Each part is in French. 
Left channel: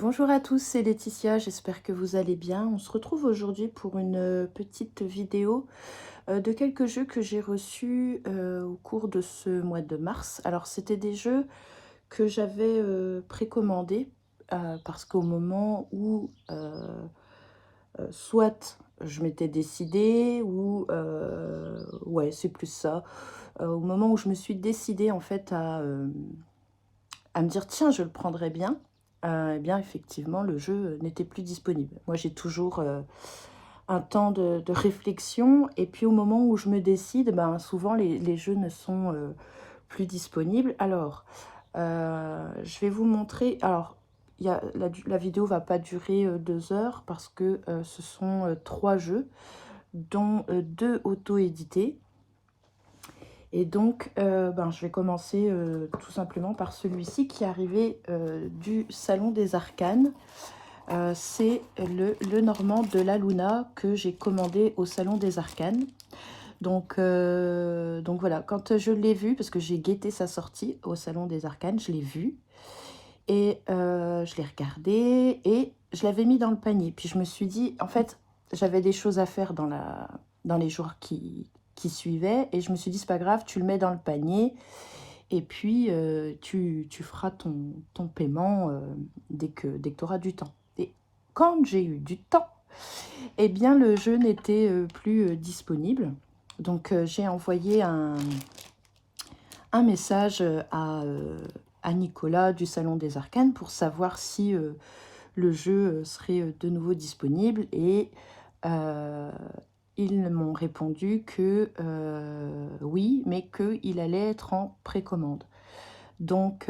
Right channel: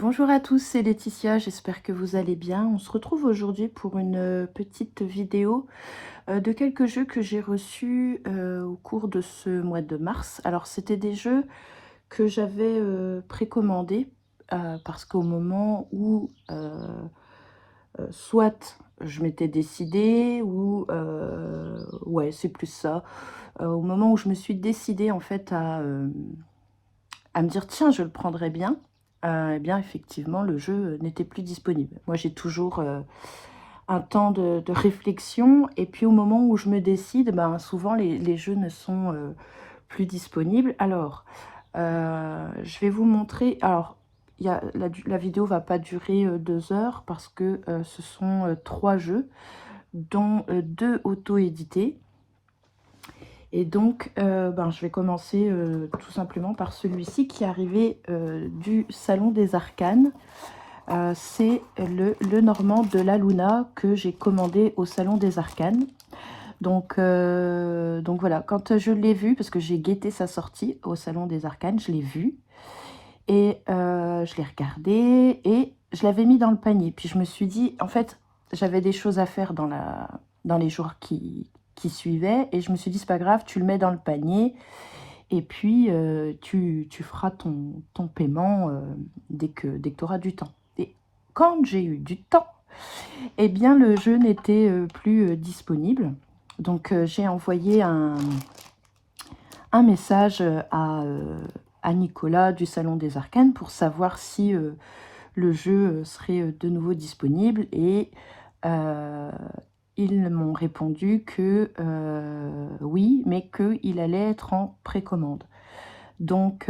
Bonjour à tous, c'est Laetitia, j'espère que vous allez bien. On se retrouve aujourd'hui pour une petite vidéo de quelques jeux que j'ai reçus au cours de ce mois de mars. Alors c'était des jeux que j'avais précommandés parce qu'au moment où soit je m'étais décidée ou ouais c'est plus ça, au moment où je me suis décidée en fait à me dire tiens je le prendrais bien, eh bien effectivement le jeu n'était plus disponible. Moi j'ai toujours un temps de réflexion et puis au moment où je me décide, ben, souvent les jeux ne sont plus disponibles. Alors je vais vous montrer, alors la vidéo va pas durer 2 heures parce que ce sont 3 jeux dont 2 auto-édités. Et donc, ben, je vais commencer tout simplement par celui-ci qui est arrivé du Salon des Arcanes. C'est le Normand de la Luna que j'ai commandé au Salon des Arcanes. Donc voilà, quand je l'ai vu, parce que j'ai guetté sa sortie au Salon des Arcanes, je l'ai vu. Et je l'ai regardé et je l'avais mis dans le panier. Puis je me suis dit, en fait, j'avais des choses à faire dans les jours qui suivaient. Et je me suis dit, c'est pas grave, tu le mets dans le panier. Et puis, tu feras ton paiement dès que tu auras du temps. Et quand j'ai eu du temps, eh bien, le jeu n'était plus disponible. Donc, j'ai envoyé un message à Nicolas du Salon des Arcanes pour savoir si le jeu serait de nouveau disponible. Et ils m'ont répondu que oui, mais qu'il allait être en précommande. Donc,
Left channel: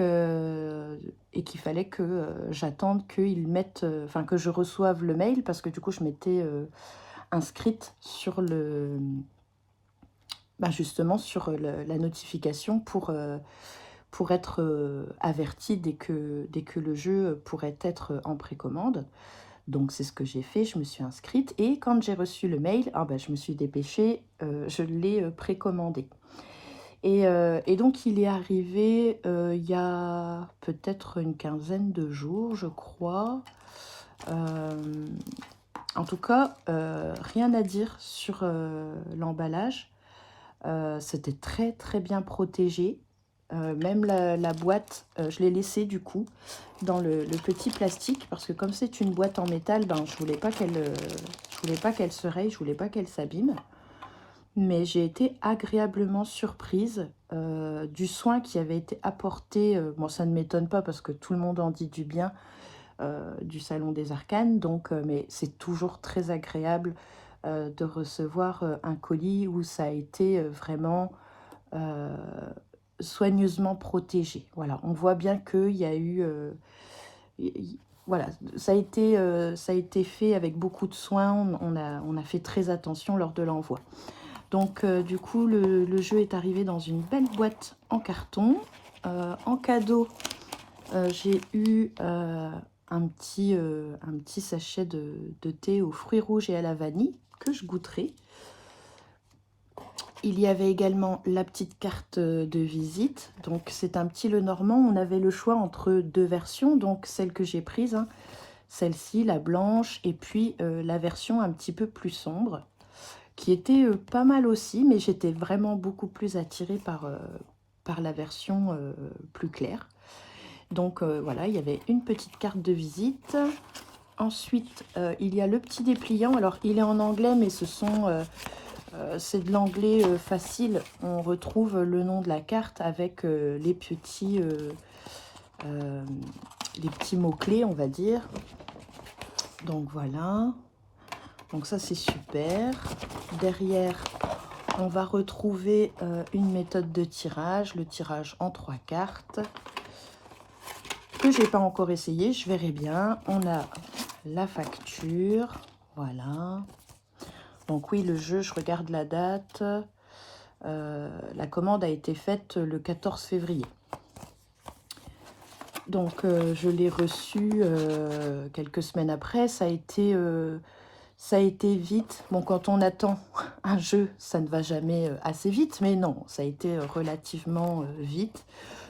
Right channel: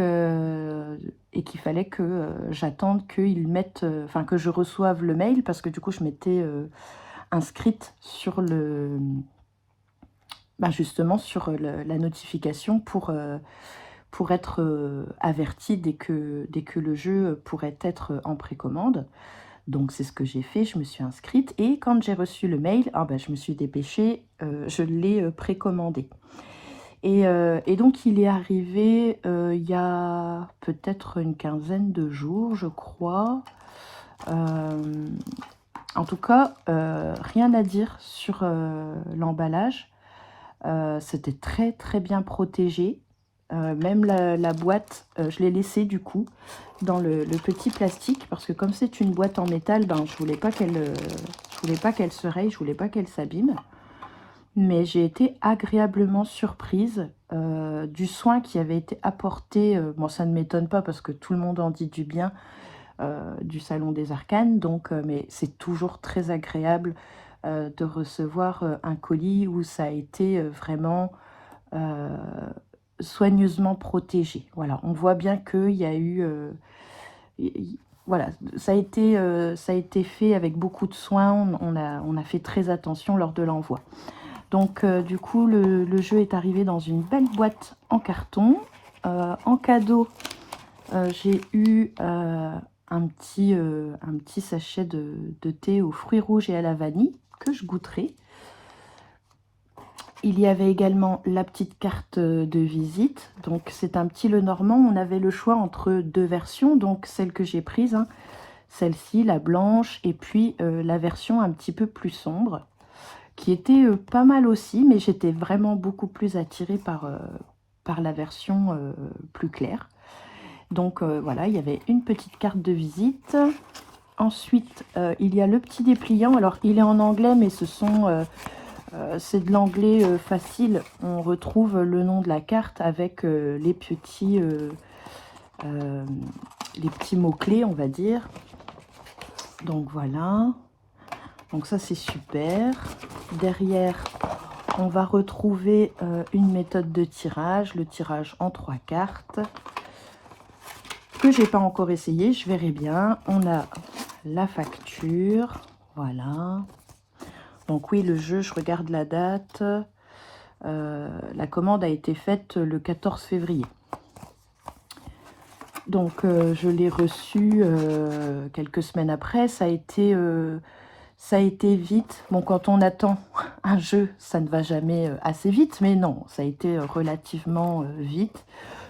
et qu'il fallait que j'attende qu'ils mettent, enfin que je reçoive le mail, parce que du coup je m'étais inscrite sur justement sur la notification pour être avertie dès que le jeu pourrait être en précommande. Donc c'est ce que j'ai fait, je me suis inscrite et quand j'ai reçu le mail, je me suis dépêchée, je l'ai précommandé. Et donc il est arrivé il y a peut-être une quinzaine de jours, je crois. En tout cas, rien à dire sur l'emballage. C'était très très bien protégé. Même la boîte, je l'ai laissée du coup dans le petit plastique parce que comme c'est une boîte en métal, ben, je voulais pas qu'elle se raye, je voulais pas qu'elle s'abîme. Mais j'ai été agréablement surprise du soin qui avait été apporté. Bon, ça ne m'étonne pas parce que tout le monde en dit du bien du Salon des Arcanes. Donc, mais c'est toujours très agréable de recevoir un colis où ça a été vraiment soigneusement protégé. Voilà, on voit bien qu'il y a eu... voilà, ça a été fait avec beaucoup de soin. On a fait très attention lors de l'envoi. Donc du coup, le jeu est arrivé dans une belle boîte en carton. En cadeau, j'ai eu un petit sachet de thé aux fruits rouges et à la vanille que je goûterai. Il y avait également la petite carte de visite. Donc c'est un petit Lenormand. On avait le choix entre 2 versions. Donc celle que j'ai prise, hein, celle-ci, la blanche, et puis la version un petit peu plus sombre, qui était pas mal aussi, mais j'étais vraiment beaucoup plus attirée par la version plus claire. Donc voilà, il y avait une petite carte de visite. Ensuite, il y a le petit dépliant. Alors, il est en anglais, mais c'est de l'anglais facile. On retrouve le nom de la carte avec les petits mots-clés, on va dire. Donc voilà. Donc ça, c'est super. Derrière, on va retrouver une méthode de tirage, le tirage en 3 cartes, que j'ai pas encore essayé, je verrai bien. On a la facture, voilà. Donc oui, le jeu, je regarde la date. La commande a été faite le 14 février. Donc je l'ai reçu quelques semaines après. Ça a été vite. Bon, quand on attend un jeu, ça ne va jamais assez vite, mais non, ça a été relativement vite.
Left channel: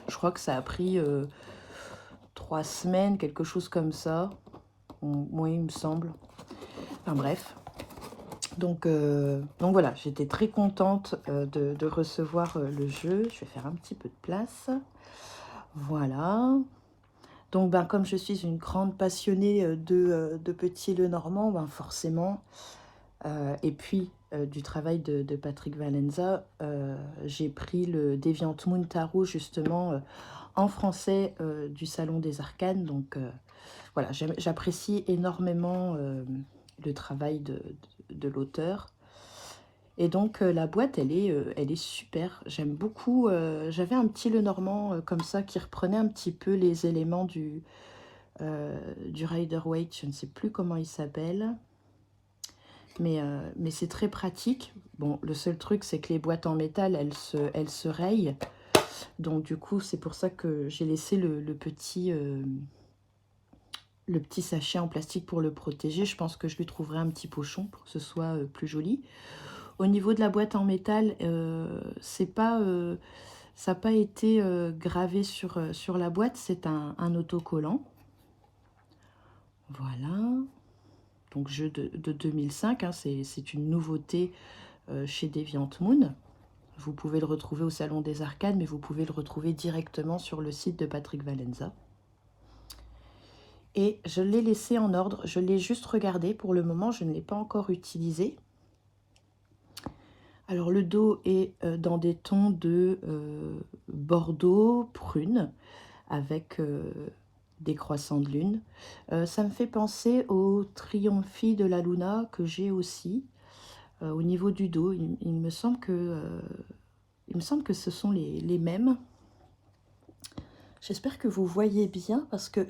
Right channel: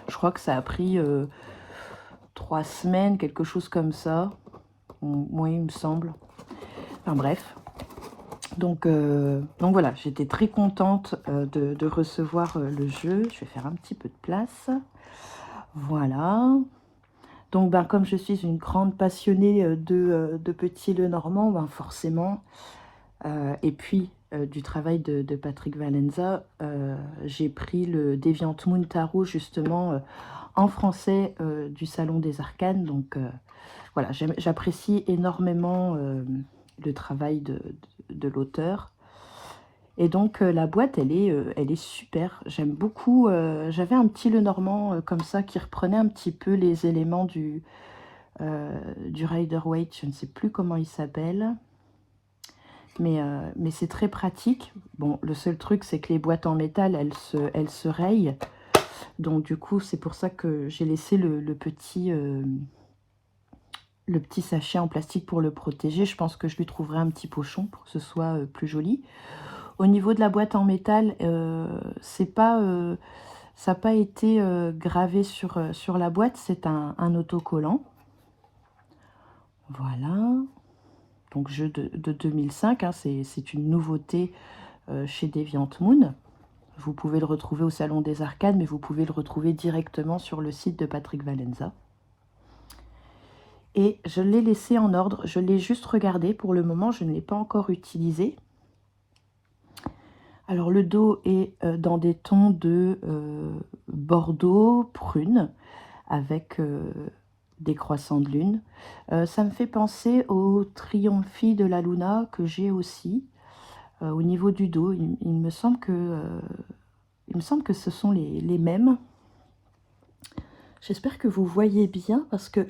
Je crois que ça a pris 3 semaines, quelque chose comme ça. Oui, il me semble. Enfin bref. Donc voilà, j'étais très contente de recevoir le jeu. Je vais faire un petit peu de place. Voilà. Donc comme je suis une grande passionnée de Petit Lenormand, forcément, et puis du travail de Patrick Valenza, j'ai pris le Deviant Moon Tarot justement en français du Salon des Arcanes. Donc voilà, j'apprécie énormément le travail de l'auteur. Et donc la boîte, elle est super. J'aime beaucoup. J'avais un petit Lenormand comme ça qui reprenait un petit peu les éléments du Rider-Waite. Je ne sais plus comment il s'appelle. Mais c'est très pratique. Bon, le seul truc, c'est que les boîtes en métal, elles se rayent. Donc du coup, c'est pour ça que j'ai laissé le petit sachet en plastique pour le protéger. Je pense que je lui trouverai un petit pochon pour que ce soit plus joli. Au niveau de la boîte en métal, ça n'a pas été gravé sur la boîte, c'est un autocollant. Voilà. Donc jeu de 2005, hein, c'est une nouveauté chez Deviant Moon. Vous pouvez le retrouver au Salon des Arcanes, mais vous pouvez le retrouver directement sur le site de Patrick Valenza. Et je l'ai laissé en ordre, je l'ai juste regardé. Pour le moment, je ne l'ai pas encore utilisé. Alors le dos est dans des tons de bordeaux, prune, avec des croissants de lune. Ça me fait penser au Triomphi de la Luna que j'ai aussi. Au niveau du dos, il me semble que ce sont les mêmes. J'espère que vous voyez bien parce que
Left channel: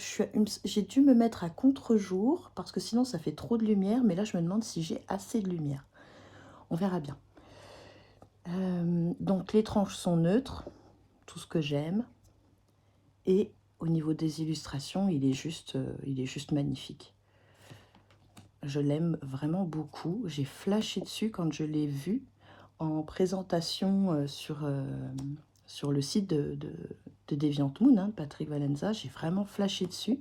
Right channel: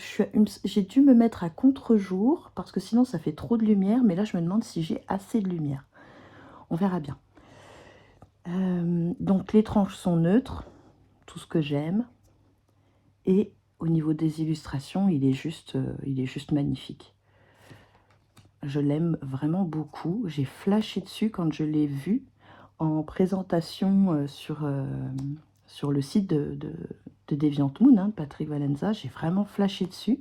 j'ai dû me mettre à contre-jour parce que sinon ça fait trop de lumière. Mais là, je me demande si j'ai assez de lumière. On verra bien. Donc les tranches sont neutres, tout ce que j'aime. Et au niveau des illustrations, il est juste magnifique. Je l'aime vraiment beaucoup. J'ai flashé dessus quand je l'ai vu en présentation sur le site de Deviant Moon, hein, Patrick Valenza. J'ai vraiment flashé dessus.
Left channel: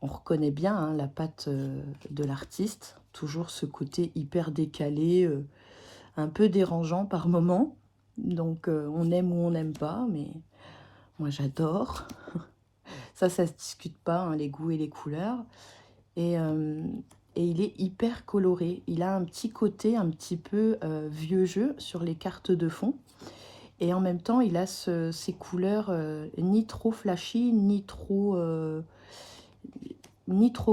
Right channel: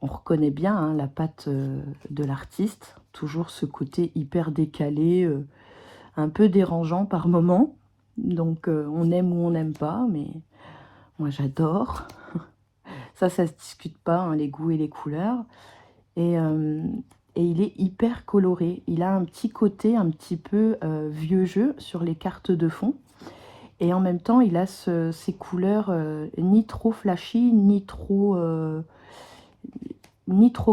On reconnaît bien hein, la patte de l'artiste. Toujours ce côté hyper décalé, un peu dérangeant par moments. Donc on aime ou on n'aime pas, mais moi j'adore. Ça se discute pas, hein, les goûts et les couleurs. Et il est hyper coloré. Il a un petit côté un petit peu vieux jeu sur les cartes de fond. Et en même temps, il a ces couleurs ni trop flashy, ni trop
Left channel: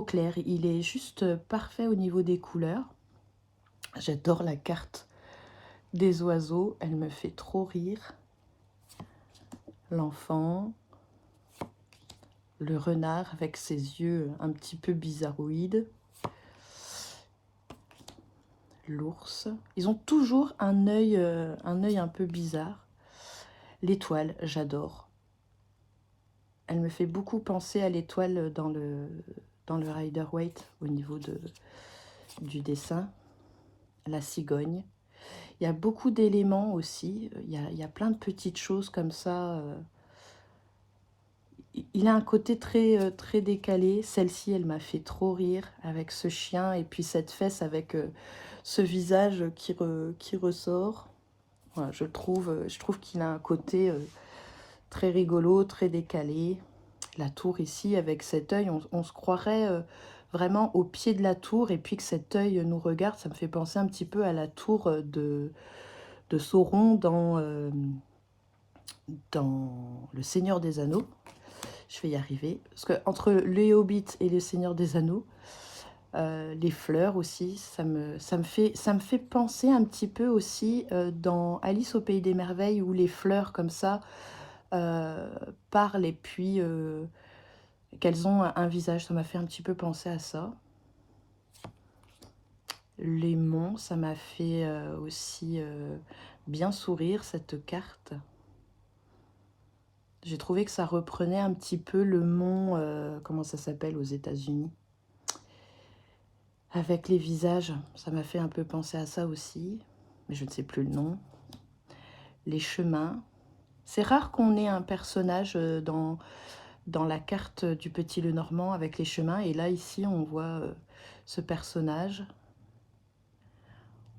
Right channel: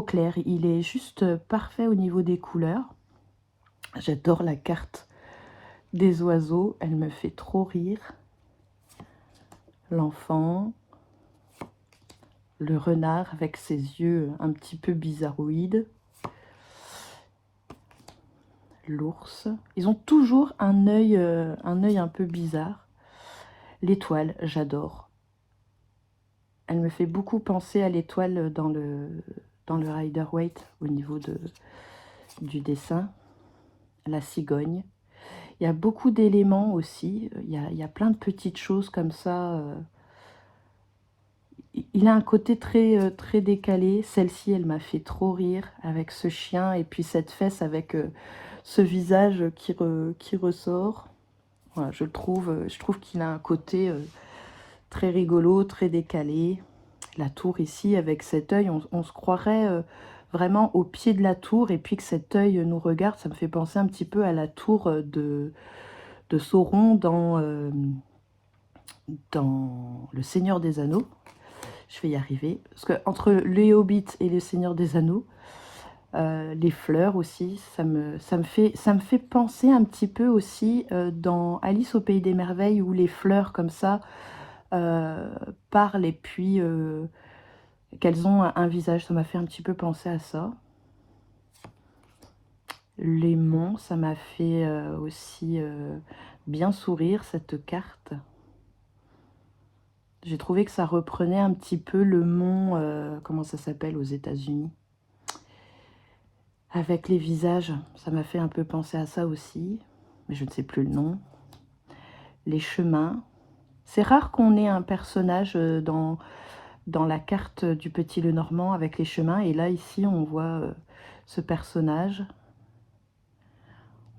claires. Il est juste parfait au niveau des couleurs. J'adore la carte des oiseaux. Elle me fait trop rire. L'enfant. Le renard avec ses yeux un petit peu bizarroïdes. L'ours. Ils ont toujours un œil un peu bizarre. L'étoile, j'adore. Elle me fait beaucoup penser à l'étoile dans le Rider-Waite au niveau du dessin. La cigogne. Il y a beaucoup d'éléments aussi. Il y a plein de petites choses comme ça. Il a un côté très décalé. Celle-ci, elle m'a fait trop rire avec ce chien et puis cette fesse avec ce visage qui ressort. Voilà, je trouve qu'il a un côté très rigolo, très décalé. La tour ici, avec cet œil, on se croirait vraiment au pied de la tour et puis que cet œil nous regarde. Ça me fait penser un petit peu à la tour de Sauron dans Le Seigneur des Anneaux. Je vais y arriver. Parce que entre le Hobbit et le Seigneur des Anneaux, les fleurs aussi, ça me fait penser un petit peu aussi dans Alice au Pays des Merveilles, où les fleurs comme ça parlent et puis qu'elles ont un visage. Ça m'a fait un petit peu penser à ça. Les monts, ça m'a fait aussi bien sourire, cette carte. J'ai trouvé que ça reprenait un petit peu le mont, comment ça s'appelle aux États-Unis, avec les visages. Ça m'a fait un peu penser à ça aussi, mais je ne sais plus le nom. Les chemins. C'est rare qu'on ait un personnage dans dans la carte du Petit Lenormand avec les chemins. Et là, ici, on voit ce personnage.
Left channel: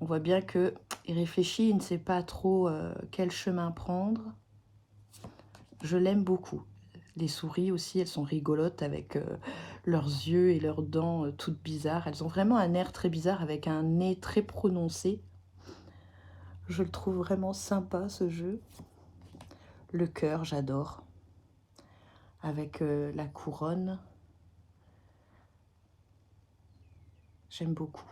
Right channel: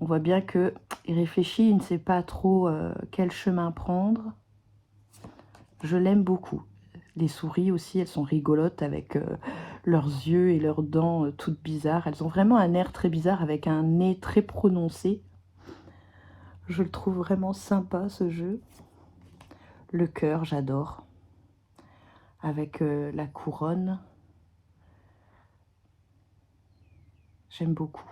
On voit bien qu'il réfléchit, il ne sait pas trop quel chemin prendre. Je l'aime beaucoup. Les souris aussi, elles sont rigolotes avec leurs yeux et leurs dents toutes bizarres. Elles ont vraiment un air très bizarre avec un nez très prononcé. Je le trouve vraiment sympa, ce jeu. Le cœur, j'adore. Avec la couronne. J'aime beaucoup.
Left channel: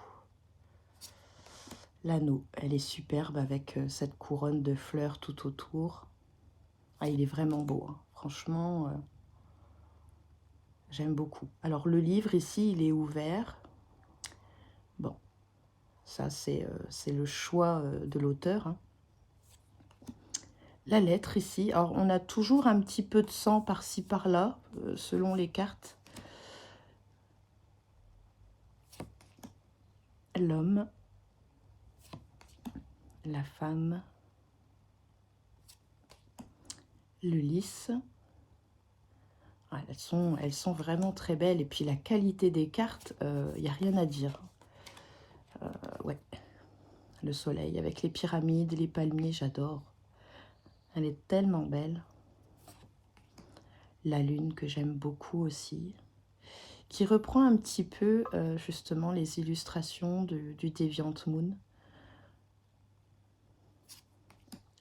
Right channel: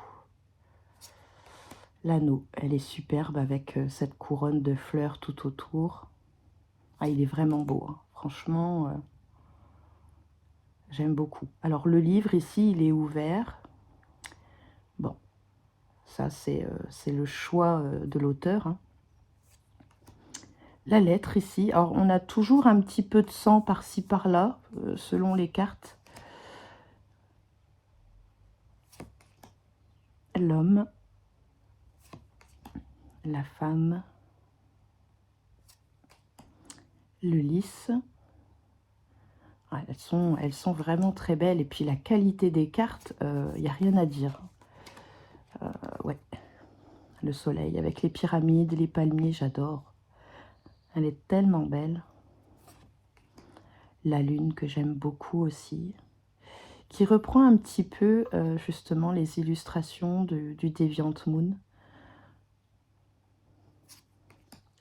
L'anneau, elle est superbe avec cette couronne de fleurs tout autour. Ah, il est vraiment beau, hein. Franchement, j'aime beaucoup. Alors, le livre, ici, il est ouvert. Bon, ça, c'est le choix de l'auteur, hein. La lettre, ici. Alors, on a toujours un petit peu de sang par-ci, par-là, selon les cartes. L'homme. La femme. Le lys. Ah, elles sont vraiment très belles. Et puis, la qualité des cartes, il n'y a rien à dire. Ouais. Le soleil avec les pyramides, les palmiers, j'adore. Elle est tellement belle. La lune que j'aime beaucoup aussi. Qui reprend un petit peu justement les illustrations du Deviant Moon.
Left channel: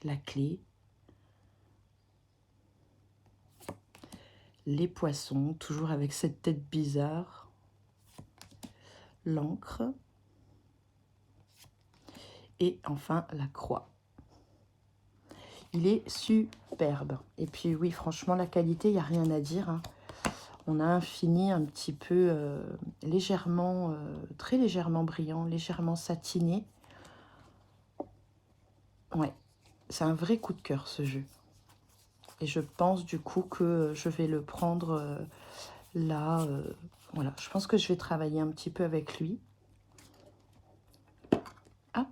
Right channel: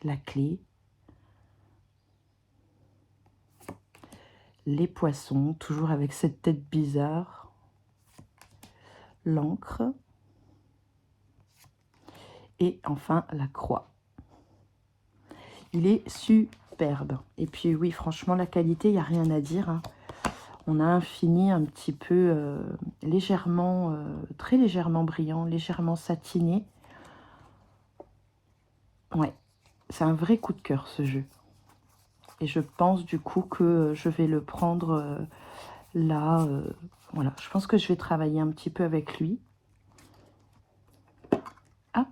La clé. Les poissons, toujours avec cette tête bizarre. L'encre. Et enfin la croix. Il est superbe. Et puis oui, franchement, la qualité, il n'y a rien à dire, hein. On a un fini un petit peu légèrement, très légèrement brillant, légèrement satiné. Ouais, c'est un vrai coup de cœur, ce jeu. Et je pense du coup que je vais le prendre là. Voilà, je pense que je vais travailler un petit peu avec lui. Hop.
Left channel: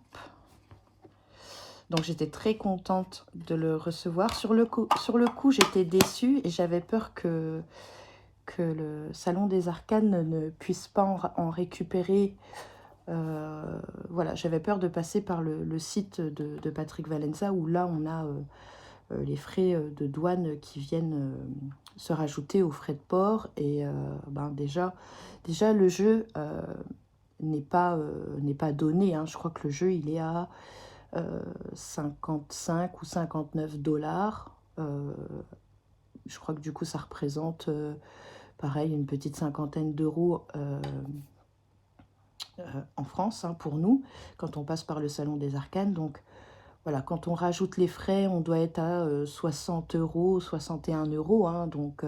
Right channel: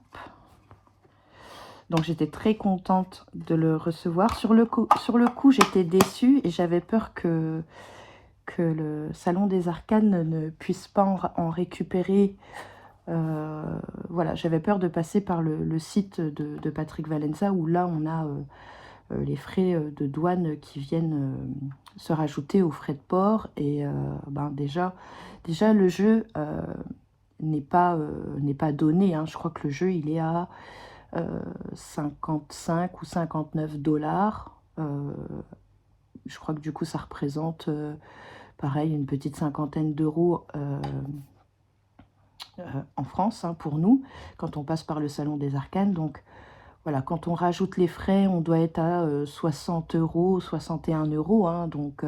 Donc j'étais très contente de le recevoir. Sur le coup j'étais déçue et j'avais peur que le Salon des Arcanes ne puisse pas en récupérer. Voilà, j'avais peur de passer par le site de Patrick Valenza où là on a les frais de douane qui viennent se rajouter aux frais de port. Et ben déjà le jeu n'est pas donné, hein. Je crois que le jeu il est à 55 ou 59 dollars. Je crois que du coup ça représente pareil une petite cinquantaine d'euros en France, hein, pour nous, quand on passe par le Salon des Arcanes. Donc voilà, quand on rajoute les frais, on doit être à 60 euros, 61 euros, hein. Donc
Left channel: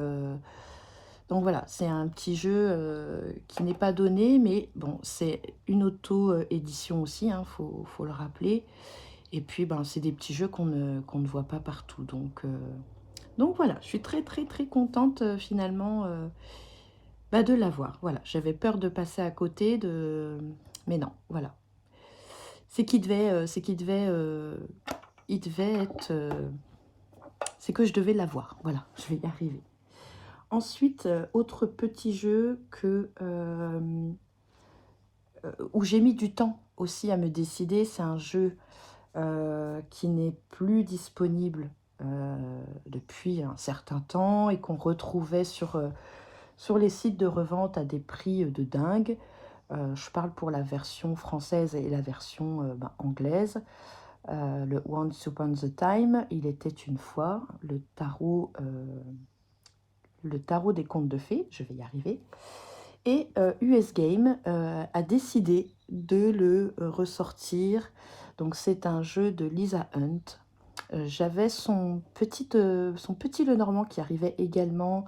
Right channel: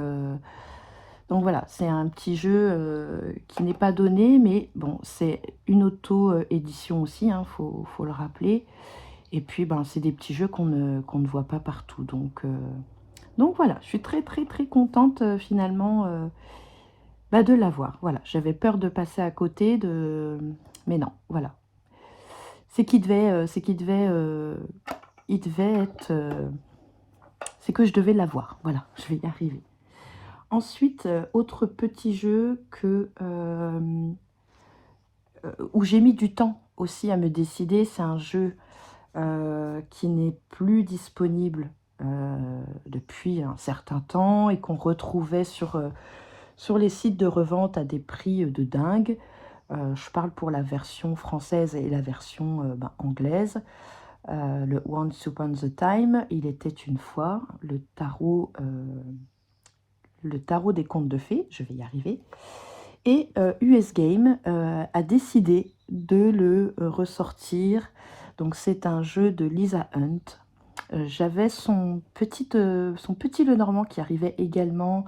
voilà, c'est un petit jeu qui n'est pas donné, mais bon, c'est une auto-édition aussi, hein, faut le rappeler. Et puis, ben, c'est des petits jeux qu'on ne voit pas partout. Donc voilà, je suis très très très contente finalement bah, de l'avoir. Voilà, j'avais peur de passer à côté, mais non, voilà. Il devait être... c'est que je devais l'avoir. Voilà, je vais y arriver. Ensuite, autre petit jeu où j'ai mis du temps aussi à me décider. C'est un jeu qui n'est plus disponible depuis un certain temps et qu'on retrouvait sur les sites de revente à des prix de dingue. Je parle pour la version française et la version anglaise. Le Once Upon a Time, il était une fois, le tarot des contes de fées, je vais y arriver. Et US Game a décidé de le ressortir. Donc c'est un jeu de Lisa Hunt. J'avais son petit Lenormand qui arrivait également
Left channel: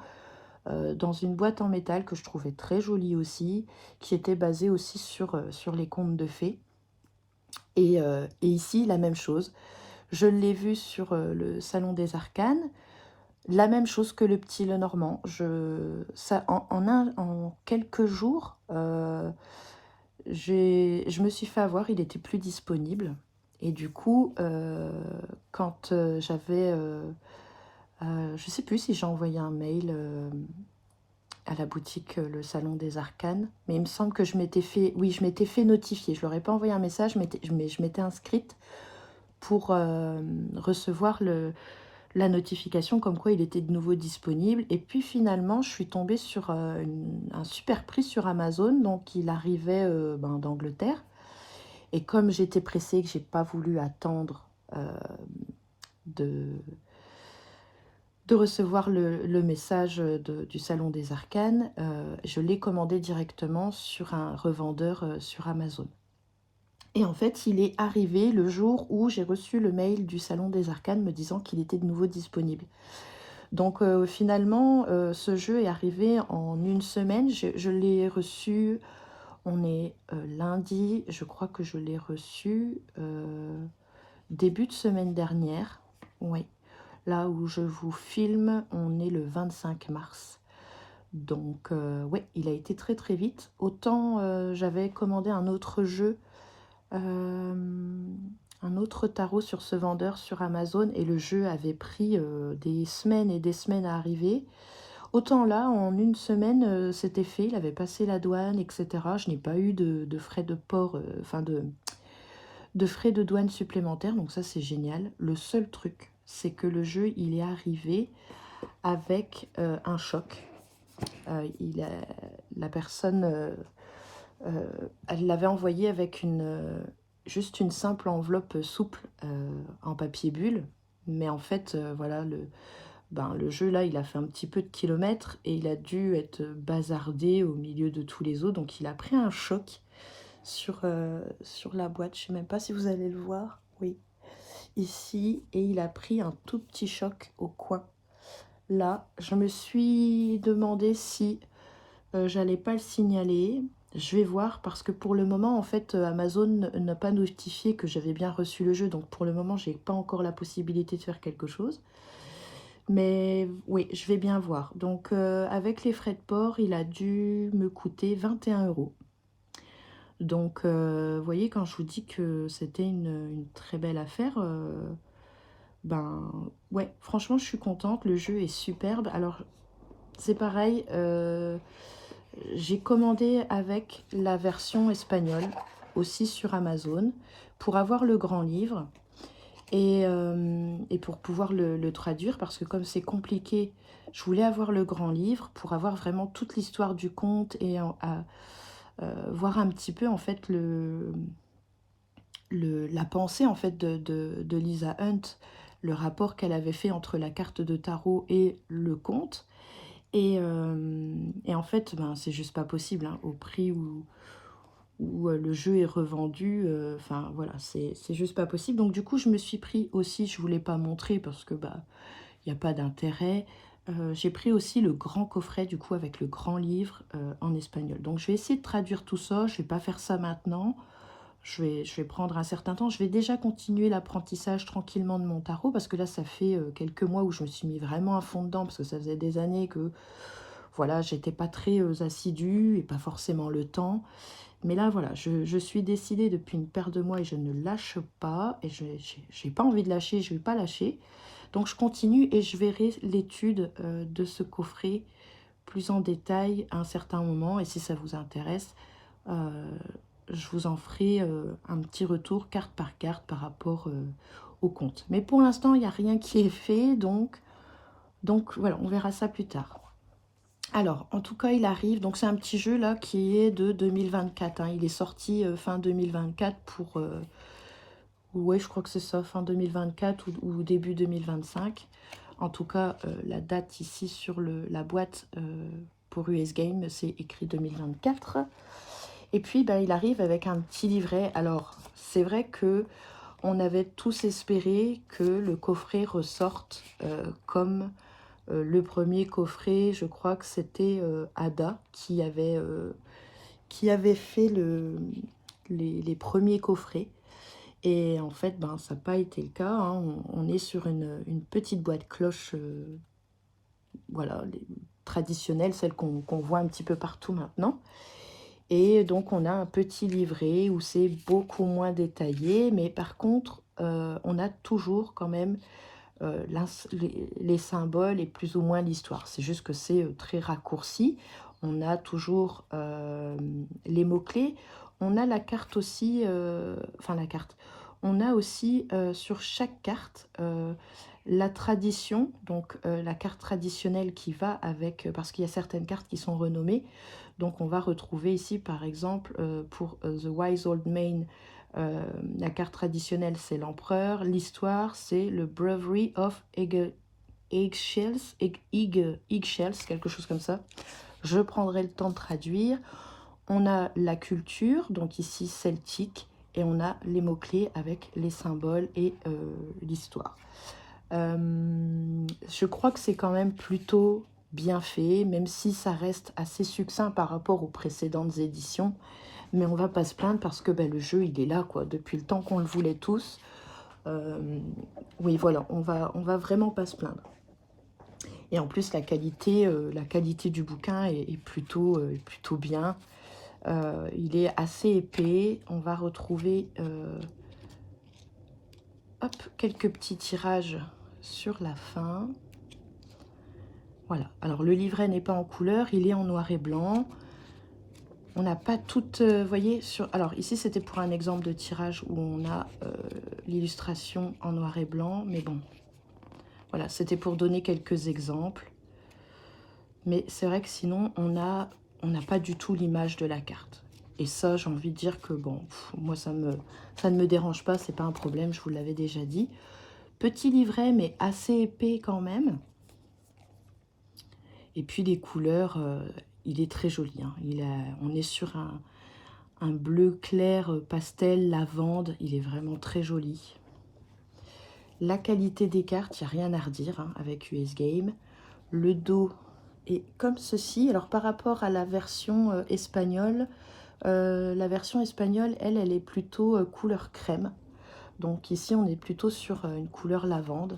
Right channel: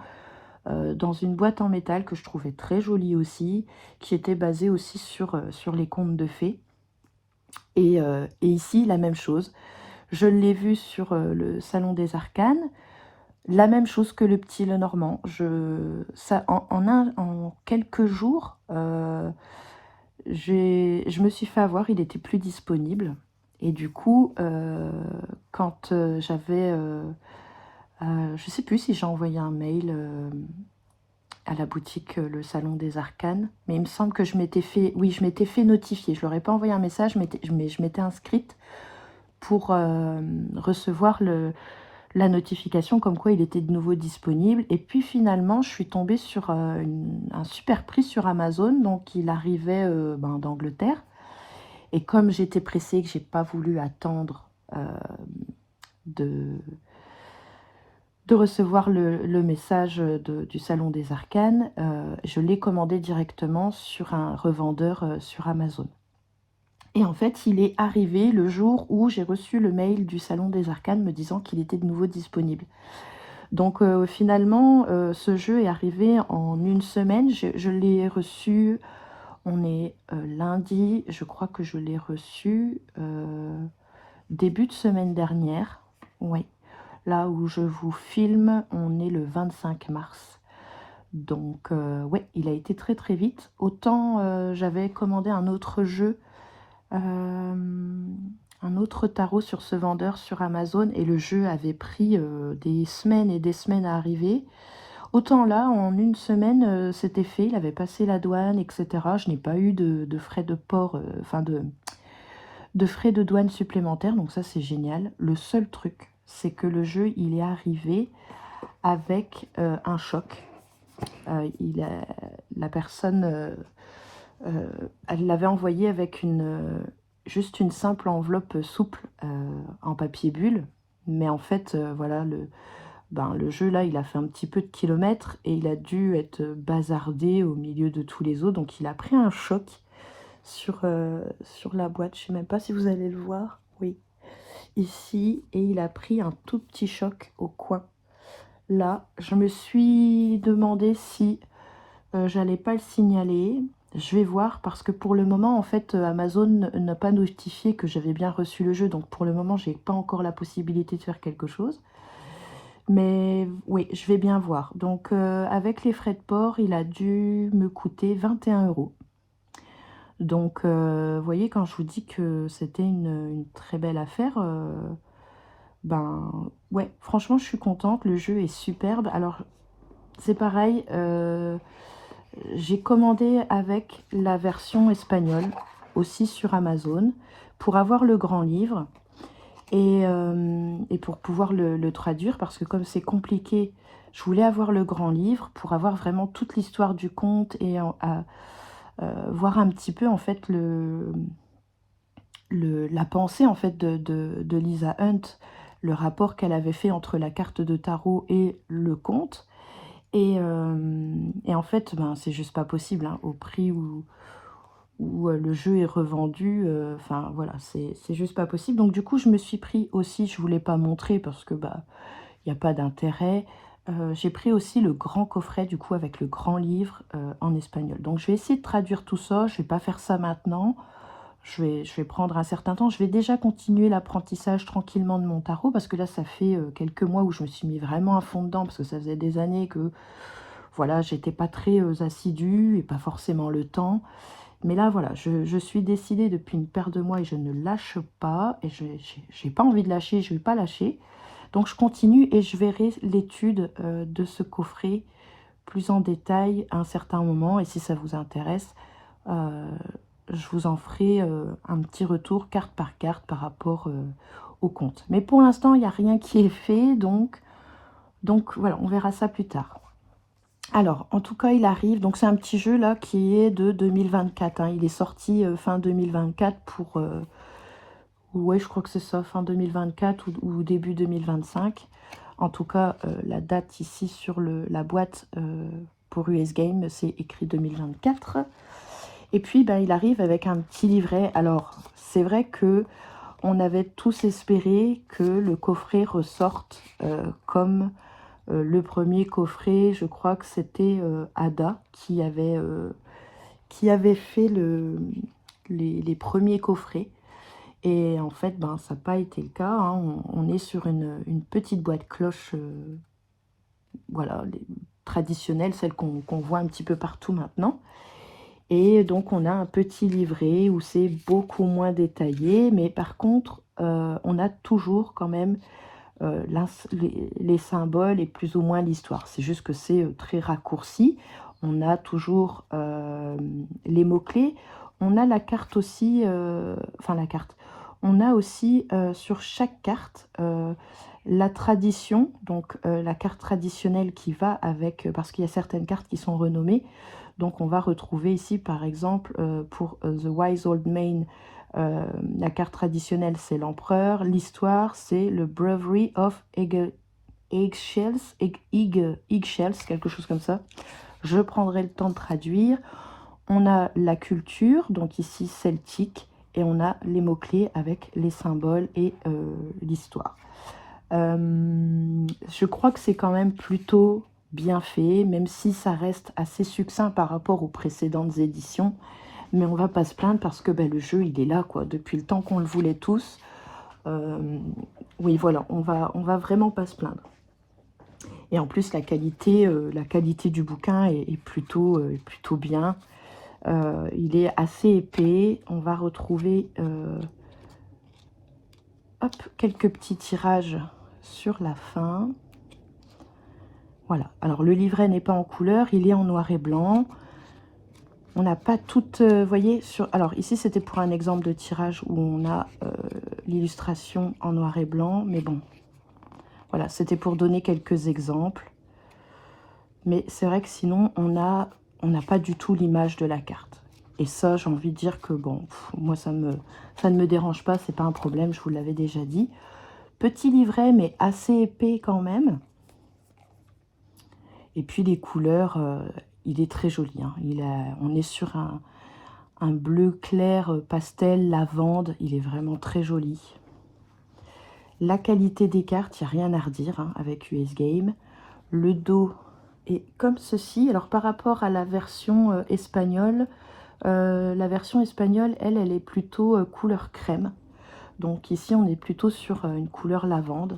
dans une boîte en métal que je trouvais très jolie aussi, qui était basée aussi sur les contes de fées. Et ici, la même chose. Je l'ai vu sur le Salon des Arcanes. La même chose que le petit Lenormand. En quelques jours, je me suis fait avoir, il était plus disponible. Et du coup, quand j'avais Je ne sais plus si j'ai envoyé un mail à la boutique Le Salon des Arcanes, mais il me semble que je m'étais fait, oui, je m'étais fait notifier. Je leur ai pas envoyé un message, mais je m'étais inscrite pour recevoir la notification comme quoi il était de nouveau disponible. Et puis finalement, je suis tombée sur un super prix sur Amazon, donc il arrivait d'Angleterre. Et comme j'étais pressée, que j'ai pas voulu attendre de, de recevoir le message du Salon des Arcanes, je l'ai commandé directement sur un revendeur sur Amazon. Et en fait, il est arrivé le jour où j'ai reçu le mail du Salon des Arcanes me disant qu'il était de nouveau disponible. Donc finalement, ce jeu est arrivé en une semaine. Je l'ai reçu, on est lundi, je crois que je l'ai reçu début de semaine dernière. Oui, là où je vous filme, on est le 25 mars. Donc ouais, il a été très très vite. Autant j'avais commandé un autre jeu, un autre tarot sur ce vendeur sur Amazon et le jeu avait pris des semaines et des semaines à arriver. Autant là, en une semaine, c'était fait, il avait passé la douane, etc. Je n'ai pas eu de frais de port, enfin de frais de douane supplémentaires, donc ça c'est génial. Le seul truc, c'est que le jeu, il est arrivé avec un choc. La personne, elle l'avait envoyé avec juste une simple enveloppe souple en papier bulle. Mais en fait, voilà, le jeu là, il a fait un petit peu de kilomètres et il a dû être bazardé au milieu de tous les autres. Donc il a pris un choc sur la boîte. Je ne sais même pas si vous allez le voir. Oui, ici. Et il a pris un tout petit choc au coin. Là, je me suis demandé si j'allais pas le signaler. Je vais voir parce que pour le moment, en fait, Amazon n'a pas notifié que j'avais bien reçu le jeu. Donc pour le moment, j'ai pas encore la possibilité de faire quelque chose. Mais oui, je vais bien voir. Donc avec les frais de port, il a dû me coûter 21 euros. Donc vous voyez, quand je vous dis que c'était une très belle affaire, ben ouais, franchement, je suis contente. Le jeu est superbe. Alors c'est pareil, j'ai commandé avec la version espagnole, aussi sur Amazon, pour avoir le grand livre et pour pouvoir le traduire, parce que comme c'est compliqué, je voulais avoir le grand livre pour avoir vraiment toute l'histoire du conte et voir un petit peu en fait la pensée en fait de Lisa Hunt, le rapport qu'elle avait fait entre la carte de tarot et le conte. Et en fait, ben, c'est juste pas possible, hein, au prix où le jeu est revendu. Enfin, voilà, c'est juste pas possible. Donc, du coup, je me suis pris aussi, je voulais pas montrer parce que, bah, il n'y a pas d'intérêt. J'ai pris aussi le grand coffret, du coup, avec le grand livre en espagnol. Donc, je vais essayer de traduire tout ça. Je vais pas faire ça maintenant. Je vais prendre un certain temps. Je vais déjà continuer l'apprentissage tranquillement de mon tarot parce que là, ça fait quelques mois où je me suis mis vraiment à fond dedans parce que ça faisait des années que voilà, j'étais pas très assidue et pas forcément le temps. Mais là, voilà, je suis décidée depuis une paire de mois et je ne lâche pas. Et je n'ai pas envie de lâcher, je ne vais pas lâcher. Donc, je continue et je verrai l'étude de ce coffret plus en détail à un certain moment. Et si ça vous intéresse, je vous en ferai un petit retour carte par carte par rapport au compte. Mais pour l'instant, il n'y a rien qui est fait. Donc voilà, on verra ça plus tard. Alors, en tout cas, il arrive. Donc, c'est un petit jeu là qui est de 2024. Hein. Il est sorti fin 2024 pour... ouais, je crois que c'est ça, fin 2024 ou début 2025. En tout cas, la date ici sur la boîte pour US Game, c'est écrit 2024. Et puis, ben, il arrive avec un petit livret. Alors, c'est vrai que on avait tous espéré que le coffret ressorte comme le premier coffret. Je crois que c'était Ada qui avait fait les premiers coffrets. Et en fait, ben, ça n'a pas été le cas. Hein. On est sur une petite boîte cloche, voilà, traditionnelle, celle qu'on voit un petit peu partout maintenant. Et donc, on a un petit livret où c'est beaucoup moins détaillé. Mais par contre, on a toujours quand même les symboles et plus ou moins l'histoire. C'est juste que c'est très raccourci. On a toujours les mots-clés. On a la carte aussi, enfin la carte. On a aussi sur chaque carte la tradition, donc la carte traditionnelle qui va avec, parce qu'il y a certaines cartes qui sont renommées. Donc on va retrouver ici par exemple pour The Wise Old Man, la carte traditionnelle c'est l'empereur, l'histoire c'est le Bravery of Eggshells, quelque chose comme ça. Je prendrai le temps de traduire. On a la culture, donc ici celtique, et on a les mots-clés avec les symboles et l'histoire. Je crois que c'est quand même plutôt bien fait, même si ça reste assez succinct par rapport aux précédentes éditions. Mais on va pas se plaindre parce que le jeu, il est là, quoi, depuis le temps qu'on le voulait tous. Oui, voilà, on va vraiment pas se plaindre. Et en plus, la qualité du bouquin est plutôt bien. Il est assez épais. On va retrouver hop, quelques petits tirages sur la fin. Voilà. Alors, le livret n'est pas en couleur. Il est en noir et blanc. On n'a pas toute... voyez, alors, ici, c'était pour un exemple de tirage où on a l'illustration en noir et blanc. Mais bon, voilà, c'était pour donner quelques exemples. Mais c'est vrai que sinon, on n'a pas du tout l'image de la carte. Et ça, j'ai envie de dire que, bon, moi, ça ne me dérange pas, c'est pas un problème, je vous l'avais déjà dit. Petit livret, mais assez épais quand même. Et puis, les couleurs, il est très joli. Hein. On est sur un bleu clair pastel, lavande. Il est vraiment très joli. La qualité des cartes, il n'y a rien à redire hein, avec US Game. Le dos est comme ceci. Alors, par rapport à la version espagnole, la version espagnole, elle est plutôt couleur crème. Donc ici, on est plutôt sur une couleur lavande.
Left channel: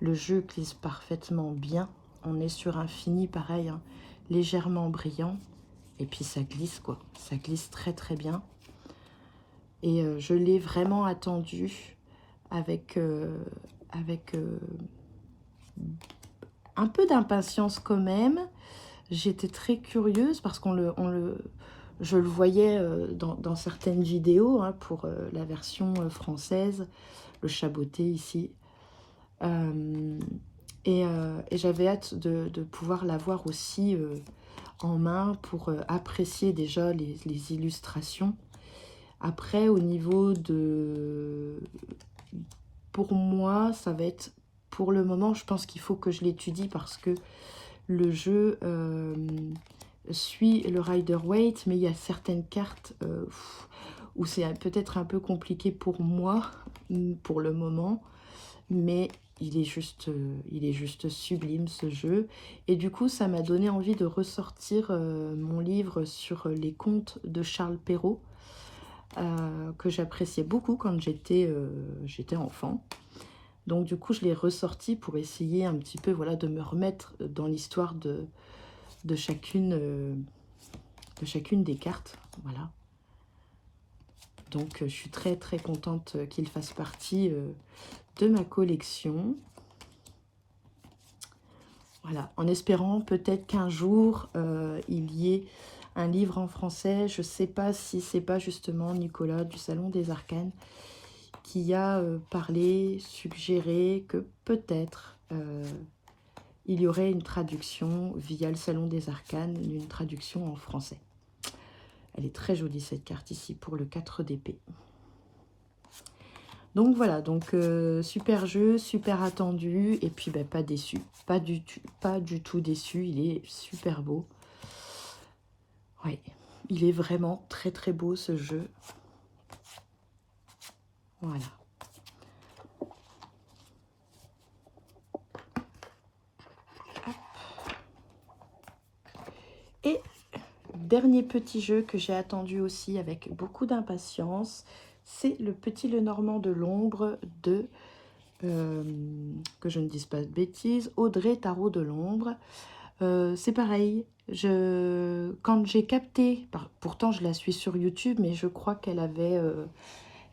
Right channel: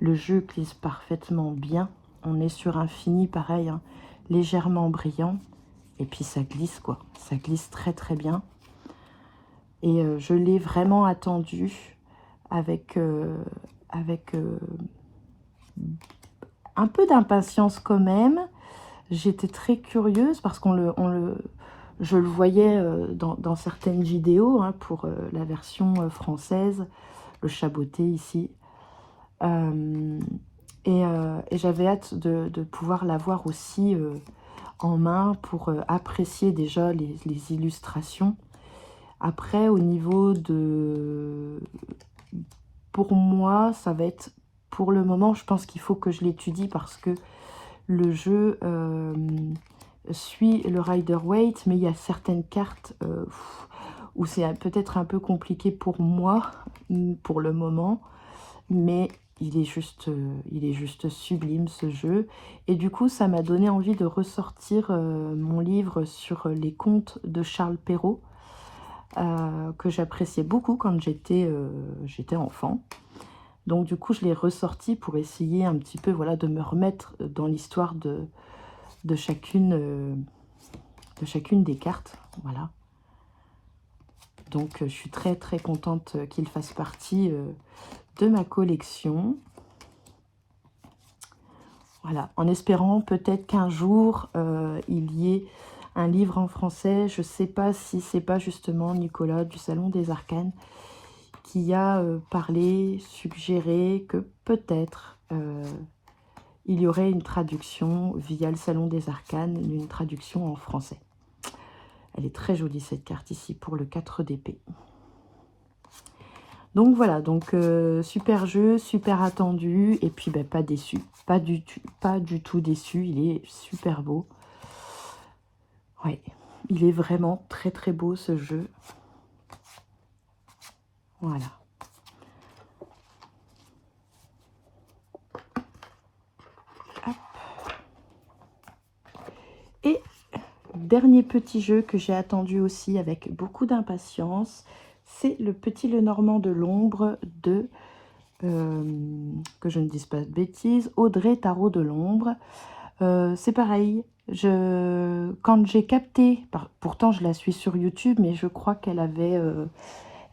Le jeu glisse parfaitement bien. On est sur un fini pareil, hein, légèrement brillant. Et puis ça glisse, quoi. Ça glisse très très bien. Et je l'ai vraiment attendu avec un peu d'impatience quand même. J'étais très curieuse parce je le voyais dans certaines vidéos hein, pour la version française, le chaboté ici. Et j'avais hâte de pouvoir l'avoir aussi en main pour apprécier déjà les illustrations. Après, au niveau de... Pour moi, ça va être... Pour le moment, je pense qu'il faut que je l'étudie parce que le jeu suit le Rider-Waite, mais il y a certaines cartes où c'est peut-être un peu compliqué pour moi, pour le moment, mais il est juste sublime ce jeu. Et du coup, ça m'a donné envie de ressortir mon livre sur les contes de Charles Perrault, que j'appréciais beaucoup quand j'étais enfant. Donc du coup, je l'ai ressorti pour essayer un petit peu voilà, de me remettre dans l'histoire de chacune des cartes. Voilà. Donc je suis très très contente qu'il fasse partie de ma collection. Voilà, en espérant peut-être qu'un jour il y ait un livre en français. Je ne sais pas si c'est pas justement Nicolas du Salon des Arcanes qui a parlé, suggéré que peut-être il y aurait une traduction via le Salon des Arcanes, mais une traduction en français. Elle est très jolie cette carte ici pour le 4 d'épée. Donc voilà, donc super jeu, super attendu, et puis pas déçu, pas du tout déçu, il est super beau. Oui, il est vraiment très très beau ce jeu. Voilà. Et dernier petit jeu que j'ai attendu aussi avec beaucoup d'impatience, c'est le Petit Lenormand de l'ombre de, que je ne dise pas de bêtises, Audrey Tarot de l'ombre. C'est pareil, quand j'ai capté, pourtant je la suis sur YouTube, mais je crois qu'elle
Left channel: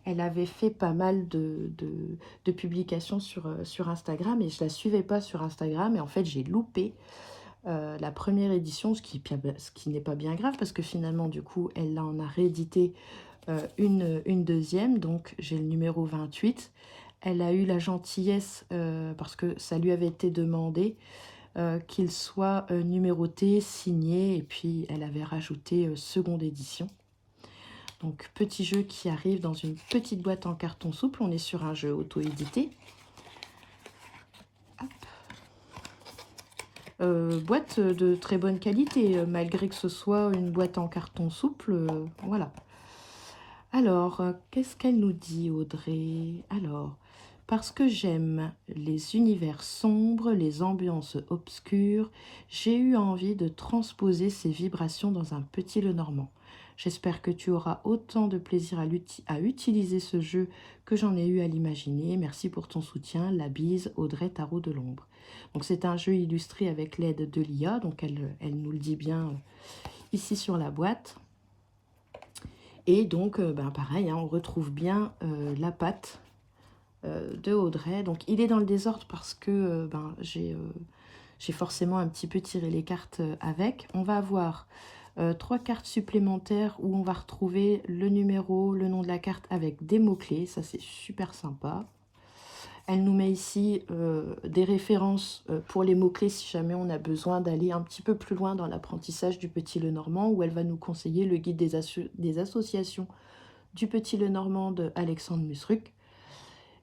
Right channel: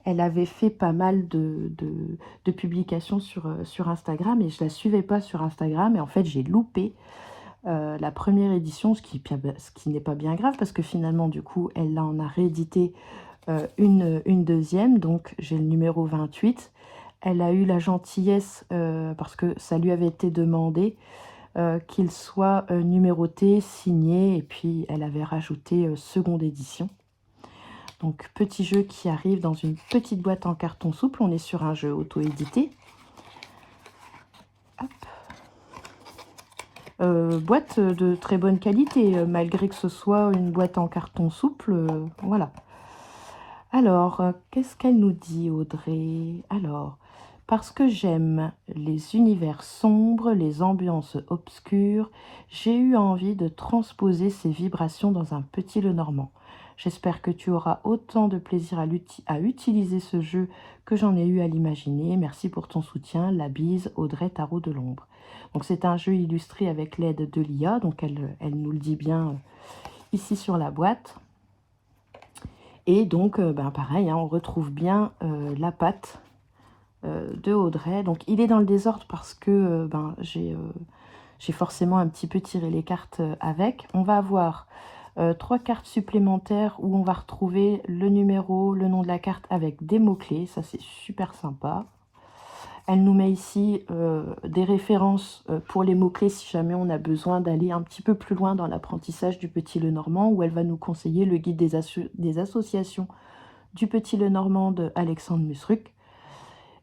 elle avait fait pas mal de publications sur Instagram et je la suivais pas sur Instagram. Et en fait, j'ai loupé la première édition, ce qui n'est pas bien grave parce que finalement, du coup, elle en a réédité une deuxième. Donc, j'ai le numéro 28. Elle a eu la gentillesse, parce que ça lui avait été demandé, qu'il soit numéroté, signé, et puis elle avait rajouté seconde édition. Donc, petit jeu qui arrive dans une petite boîte en carton souple. On est sur un jeu auto-édité. Boîte de très bonne qualité, malgré que ce soit une boîte en carton souple. Voilà. Alors, qu'est-ce qu'elle nous dit, Audrey? Alors, parce que j'aime les univers sombres, les ambiances obscures, j'ai eu envie de transposer ces vibrations dans un petit Lenormand. J'espère que tu auras autant de plaisir à utiliser ce jeu que j'en ai eu à l'imaginer. Merci pour ton soutien. La bise, Audrey Tarot de l'Ombre. Donc, c'est un jeu illustré avec l'aide de l'IA. Donc, elle nous le dit bien ici sur la boîte. Et donc, pareil, hein, on retrouve bien la patte de Audrey. Donc, il est dans le désordre parce que j'ai forcément un petit peu tiré les cartes avec. On va avoir 3 cartes supplémentaires où on va retrouver le numéro, le nom de la carte avec des mots-clés. Ça, c'est super sympa. Elle nous met ici des références pour les mots-clés si jamais on a besoin d'aller un petit peu plus loin dans l'apprentissage du Petit Lenormand, où elle va nous conseiller le guide des associations du Petit Lenormand de Alexandre Musruc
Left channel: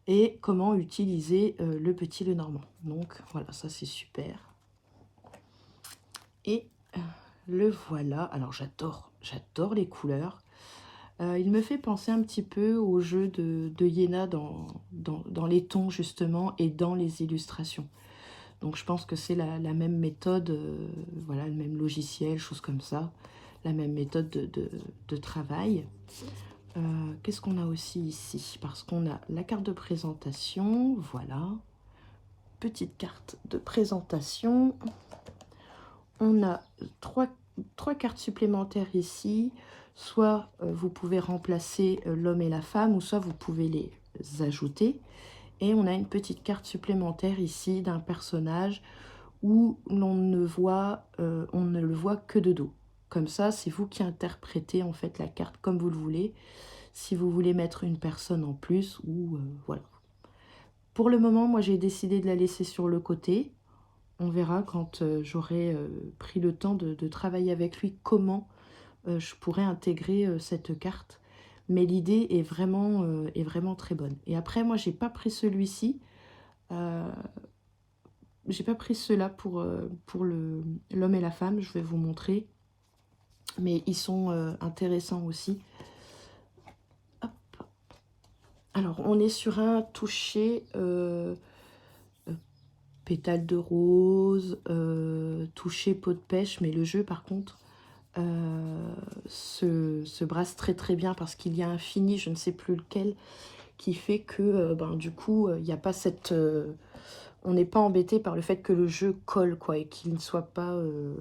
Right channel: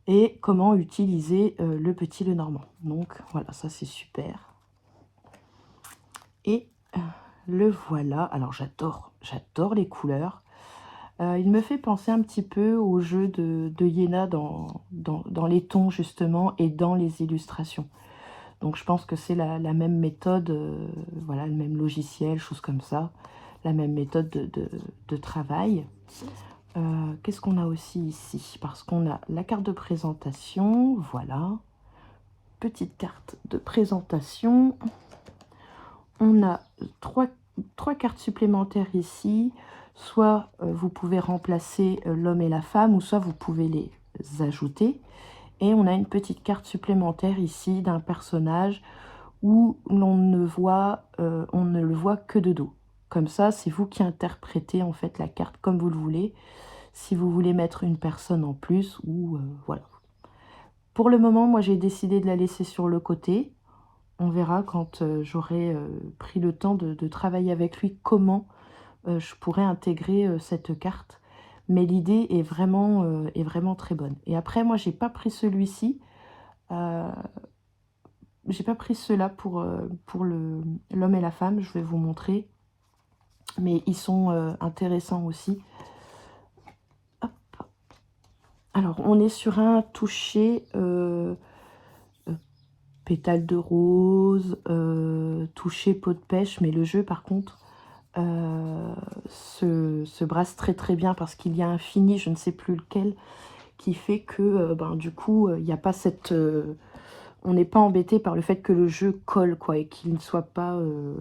et comment utiliser le Petit Lenormand. Donc voilà, ça c'est super. Et le voilà. Alors j'adore les couleurs. Il me fait penser un petit peu au jeu de Yéna dans les tons justement et dans les illustrations. Donc je pense que c'est la même méthode, voilà, le même logiciel, chose comme ça, la même méthode de travail. Qu'est-ce qu'on a aussi ici? Parce qu'on a la carte de présentation, voilà, petite carte de présentation. On a trois cartes supplémentaires ici. Soit vous pouvez remplacer l'homme et la femme, ou soit vous pouvez les ajouter. Et on a une petite carte supplémentaire ici d'un personnage où on ne le voit que de dos. Comme ça, c'est vous qui interprétez en fait la carte comme vous le voulez. Si vous voulez mettre une personne en plus, ou voilà. Pour le moment, moi j'ai décidé de la laisser sur le côté. On verra quand j'aurai pris le temps de travailler avec lui comment je pourrais intégrer cette carte. Mais l'idée est vraiment très bonne. Et après, moi, j'ai pas pris celui-ci. J'ai pas pris ceux-là pour l'homme et la femme. Je vais vous montrer. Mais ils sont intéressants aussi. Hop. Alors, on est sur un toucher pétale de rose, toucher peau de pêche. Mais le jeu, par contre, se brasse très bien parce qu'il y a un fini, je ne sais plus lequel, qui fait que du coup il n'y a pas cette on n'est pas embêté par le fait que le jeu colle quoi et qu'il ne soit pas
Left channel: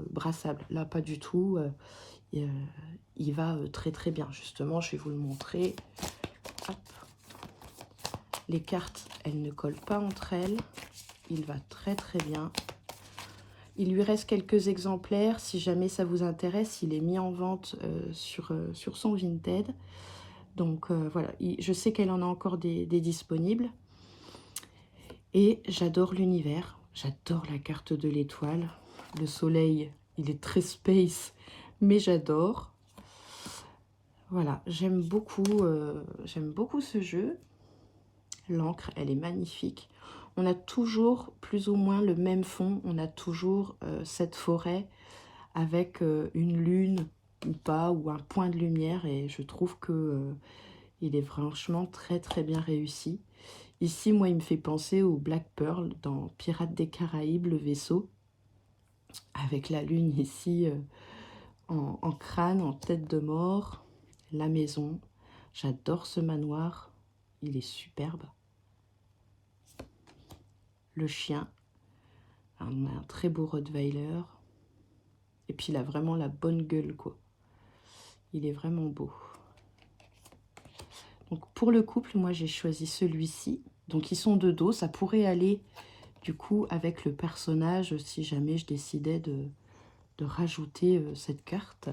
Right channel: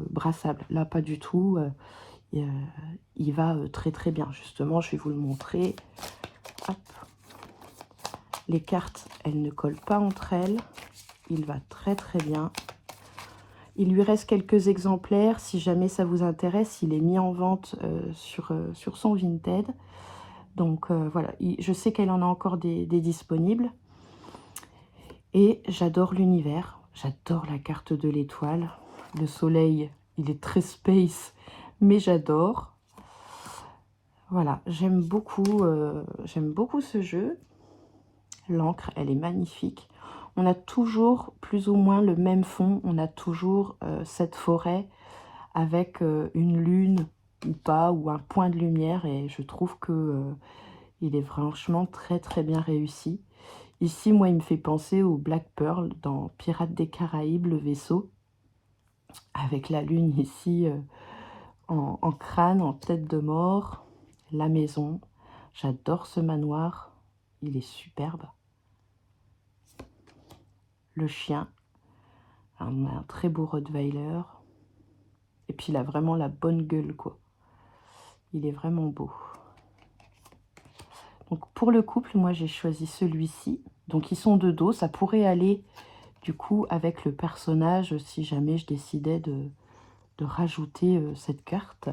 brassable. Là pas du tout, il va très bien. Justement, je vais vous le montrer. Hop. Les cartes, elles ne collent pas entre elles, il va très bien. Il lui reste quelques exemplaires, si jamais ça vous intéresse, il est mis en vente sur son Vinted. Donc voilà, je sais qu'elle en a encore des disponibles. Et j'adore l'univers, j'adore la carte de l'étoile. Le soleil, il est très space, mais j'adore. Voilà, j'aime beaucoup ce jeu. L'encre, elle est magnifique. On a toujours plus ou moins le même fond. On a toujours cette forêt avec une lune ou pas, ou un point de lumière. Et je trouve que il est franchement très bien réussi. Ici, moi, il me fait penser au Black Pearl dans Pirates des Caraïbes, le vaisseau. Avec la lune ici en crâne, en tête de mort. La maison. J'adore ce manoir. Il est superbe. Le chien, un très beau Rottweiler. Et puis il a vraiment la bonne gueule, quoi. Il est vraiment beau. Donc pour le couple, moi j'ai choisi celui-ci. Donc ils sont de dos, ça pourrait aller du coup avec le personnage si jamais je décidais de rajouter cette carte.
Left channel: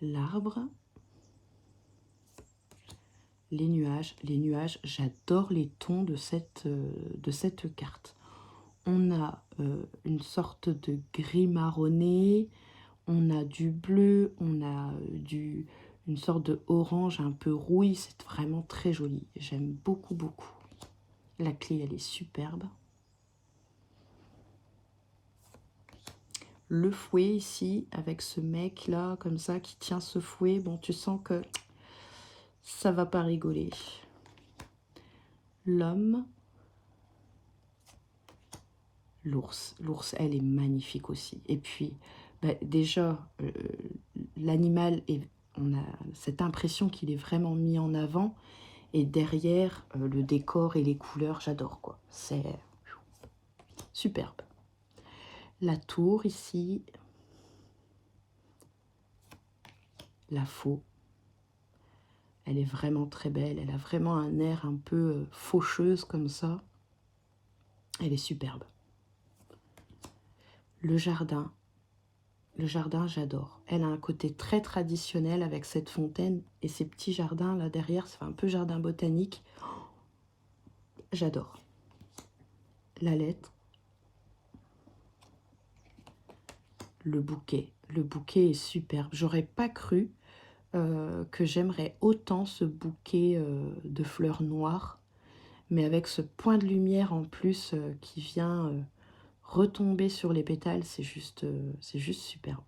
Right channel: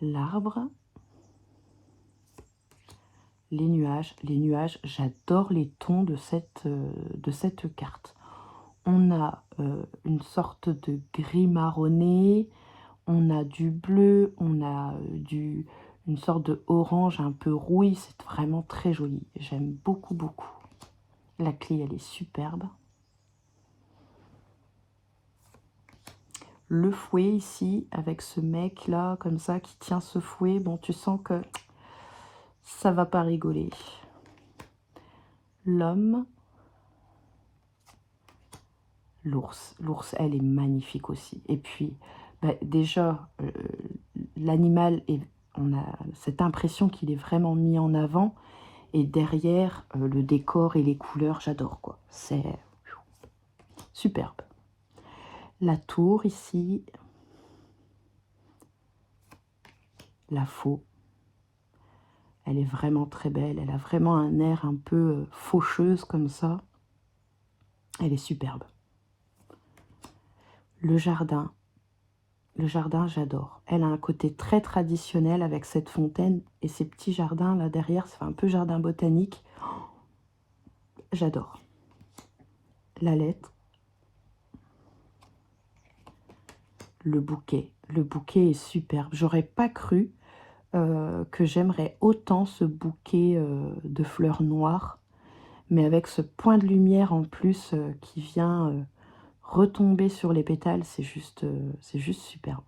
L'arbre. Les nuages, j'adore les tons de cette carte. On a une sorte de gris marronné, on a du bleu, on a une sorte de orange un peu rouille, c'est vraiment très joli. J'aime beaucoup, beaucoup. La clé, elle est superbe. Le fouet ici, avec ce mec là, comme ça, qui tient ce fouet, bon, tu sens que ça va pas rigoler. L'homme. L'ours, elle est magnifique aussi. Et puis, bah, déjà, l'animal, on a cette impression qu'il est vraiment mis en avant. Et derrière, le décor et les couleurs, j'adore, quoi. C'est superbe. La tour ici. La faux. Elle est vraiment très belle. Elle a vraiment un air un peu faucheuse comme ça. Elle est superbe. Le jardin. Le jardin, j'adore. Elle a un côté très traditionnel avec cette fontaine et ces petits jardins là derrière. Ça fait un peu jardin botanique. J'adore. La lettre. Le bouquet. Le bouquet est superbe. J'aurais pas cru que j'aimerais autant ce bouquet de fleurs noires. Mais avec ce point de lumière en plus qui vient retomber sur les pétales, c'est juste superbe.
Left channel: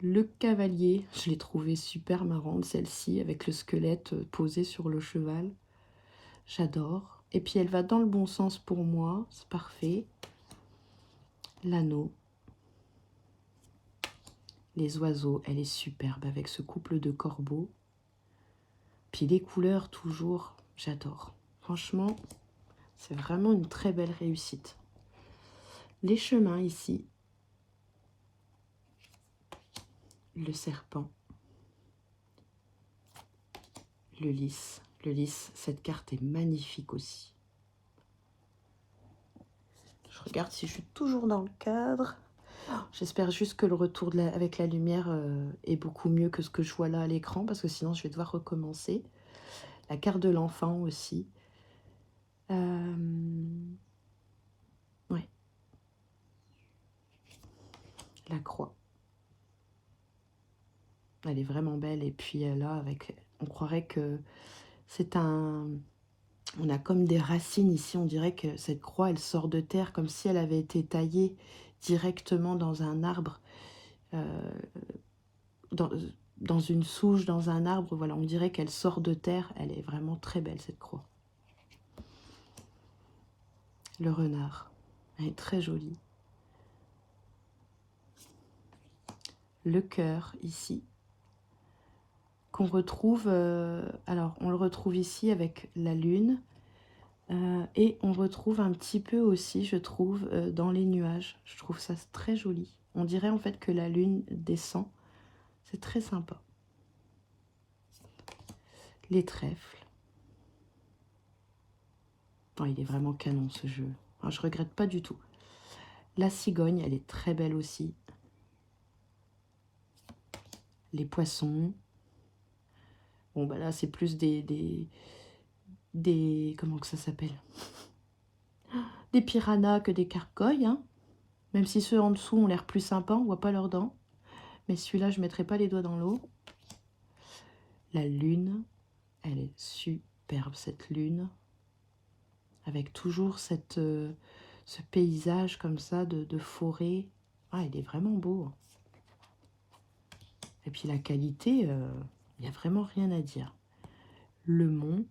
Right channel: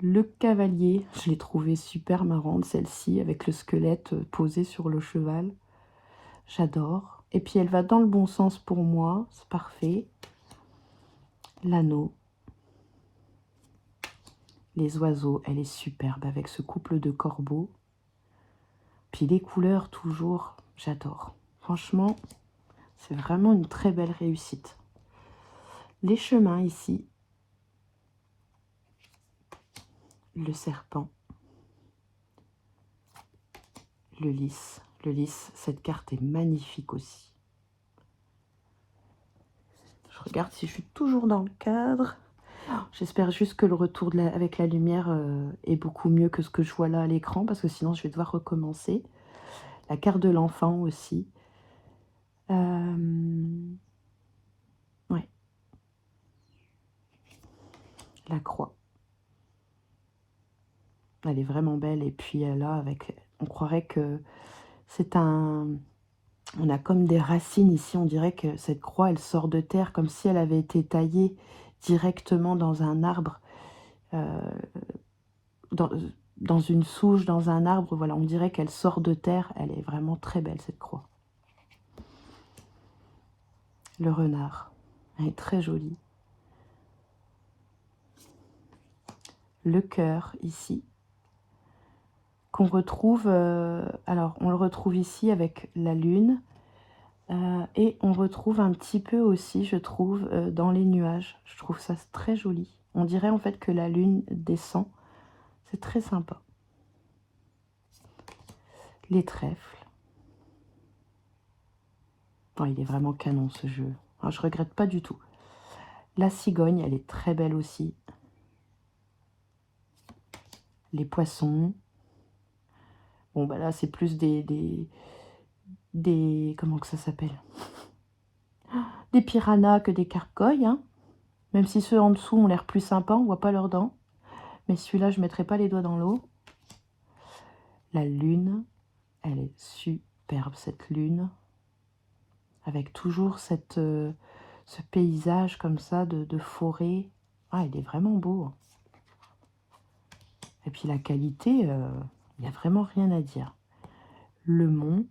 Le cavalier, je l'ai trouvé super marrante, celle-ci, avec le squelette posé sur le cheval. J'adore. Et puis elle va dans le bon sens pour moi, c'est parfait. L'anneau. Les oiseaux, elle est superbe avec ce couple de corbeaux. Puis les couleurs, toujours, j'adore. Franchement, c'est vraiment une très belle réussite. Les chemins ici. Le serpent. Le lys. Le lys, cette carte est magnifique aussi. Je regarde si je suis toujours dans le cadre. J'espère juste que le retour avec la lumière est beaucoup mieux que ce que je vois là à l'écran, parce que sinon je vais devoir recommencer. La carte de l'enfant aussi. Ouais. La croix. Elle est vraiment belle. Et puis là, on croirait que c'est un... On a comme des racines ici. On dirait que cette croix, elle sort de terre comme si elle avait été taillée directement dans un arbre. Dans une souche, dans un arbre. Voilà, on dirait qu'elle sort de terre. Elle est vraiment très belle, cette croix. Le renard. Elle est très jolie. Le cœur, ici. Qu'on retrouve... alors, on le retrouve ici avec la lune. Et on retrouve un petit peu aussi, je trouve, dans les nuages. Je trouve ça très joli. On dirait en fait que la lune descend. C'est très sympa. Les trèfles. Oh, il est vraiment canon ce jeu. Alors, je regrette pas du tout. La cigogne, elle est très belle aussi. Les poissons. Bon, bah là, c'est plus des comment que ça s'appelle? Des piranhas que des carcoilles, hein. Même si ceux en dessous ont l'air plus sympas, on voit pas leurs dents. Mais celui-là, je ne mettrai pas les doigts dans l'eau. La lune, elle est superbe, cette lune. Avec toujours ce paysage comme ça de forêt. Ah, il est vraiment beau. Et puis la qualité, il n'y a vraiment rien à dire. Le mont.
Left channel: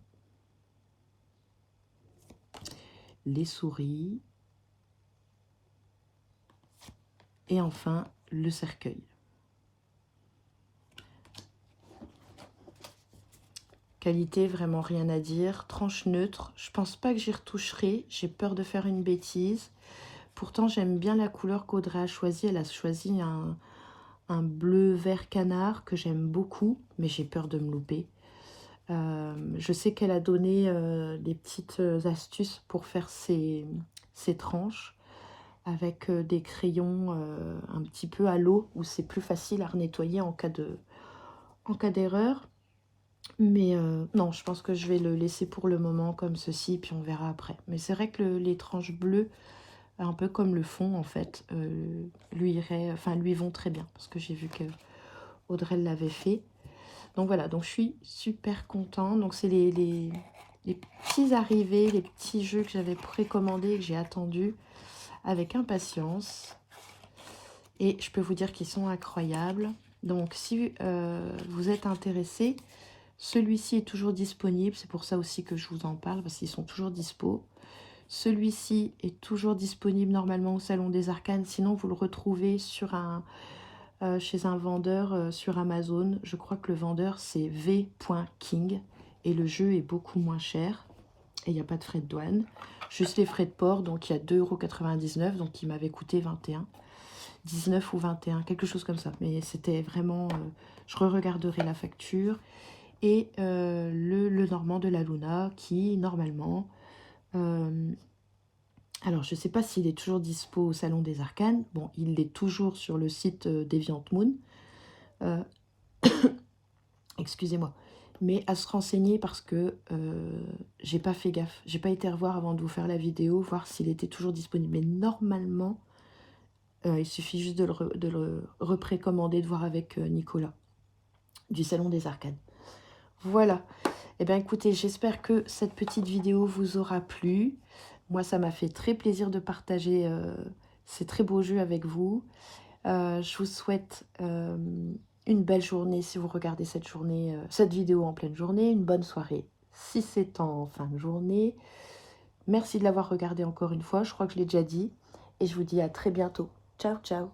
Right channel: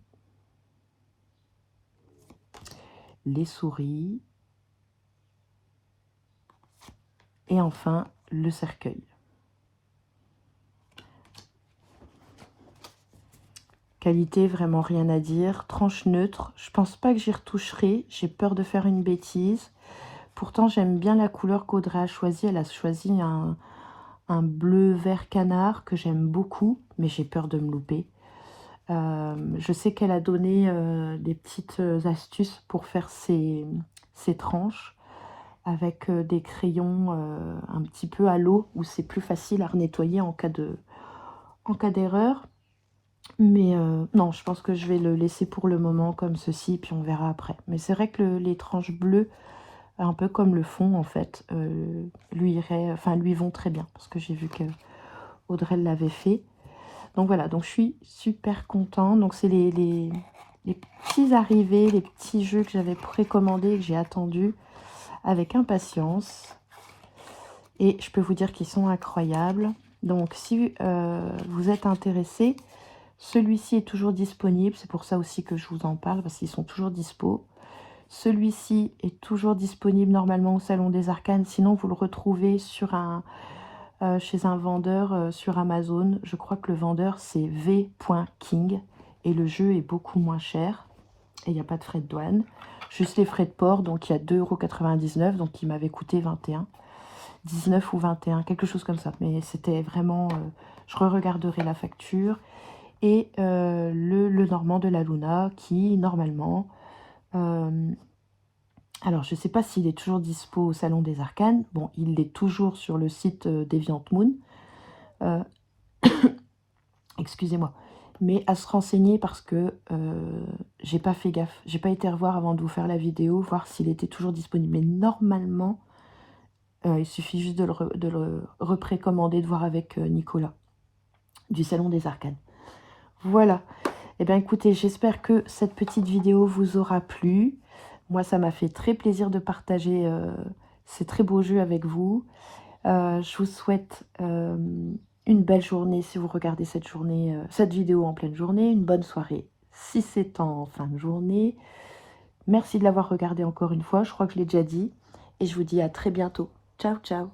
Les souris. Et enfin, le cercueil. Qualité, vraiment rien à dire. Tranche neutre. Je pense pas que j'y retoucherai. J'ai peur de faire une bêtise. Pourtant, j'aime bien la couleur qu'Audrey a choisie. Elle a choisi un bleu vert canard que j'aime beaucoup, mais j'ai peur de me louper. Je sais qu'elle a donné des petites astuces pour faire ces tranches avec des crayons un petit peu à l'eau, où c'est plus facile à nettoyer en cas d'erreur. Mais non, je pense que je vais le laisser pour le moment comme ceci, puis on verra après. Mais c'est vrai que les tranches bleues, un peu comme le fond en fait, lui vont très bien, parce que j'ai vu que Audrey l'avait fait. Donc voilà, donc je suis super contente. Donc c'est les petits arrivés, les petits jeux que j'avais précommandés et que j'ai attendus avec impatience. Et je peux vous dire qu'ils sont incroyables. Donc si vous êtes intéressé, celui-ci est toujours disponible. C'est pour ça aussi que je vous en parle, parce qu'ils sont toujours dispo. Celui-ci est toujours disponible normalement au Salon des Arcanes. Sinon, vous le retrouvez sur chez un vendeur sur Amazon. Je crois que le vendeur, c'est v.king. Et le jeu est beaucoup moins cher. Et il n'y a pas de frais de douane. Juste les frais de port. Donc, il y a 2,99 €. Donc, il m'avait coûté 21, 19 ou 21, quelque chose comme ça. Mais c'était vraiment... je re-regarderai la facture. Et le Normand de la Luna qui, normalement... alors, je ne sais pas s'il est toujours dispo au Salon des Arcanes. Bon, il est toujours sur le site Deviant-Moon. Excusez-moi. Mais à se renseigner parce que j'ai pas fait gaffe. J'ai pas été revoir avant de vous faire la vidéo, voir s'il était toujours disponible. Mais normalement, il suffit juste de le reprécommander, de voir avec Nicolas du Salon des Arcanes. Voilà. Eh bien, écoutez, j'espère que cette petite vidéo vous aura plu. Moi, ça m'a fait très plaisir de partager ces très beaux jeux avec vous. Je vous souhaite une belle journée si vous regardez cette vidéo en pleine journée. Une bonne soirée si c'est en fin de journée. Merci de l'avoir regardé encore une fois. Je crois que je l'ai déjà dit. Et je vous dis à très bientôt. Ciao, ciao.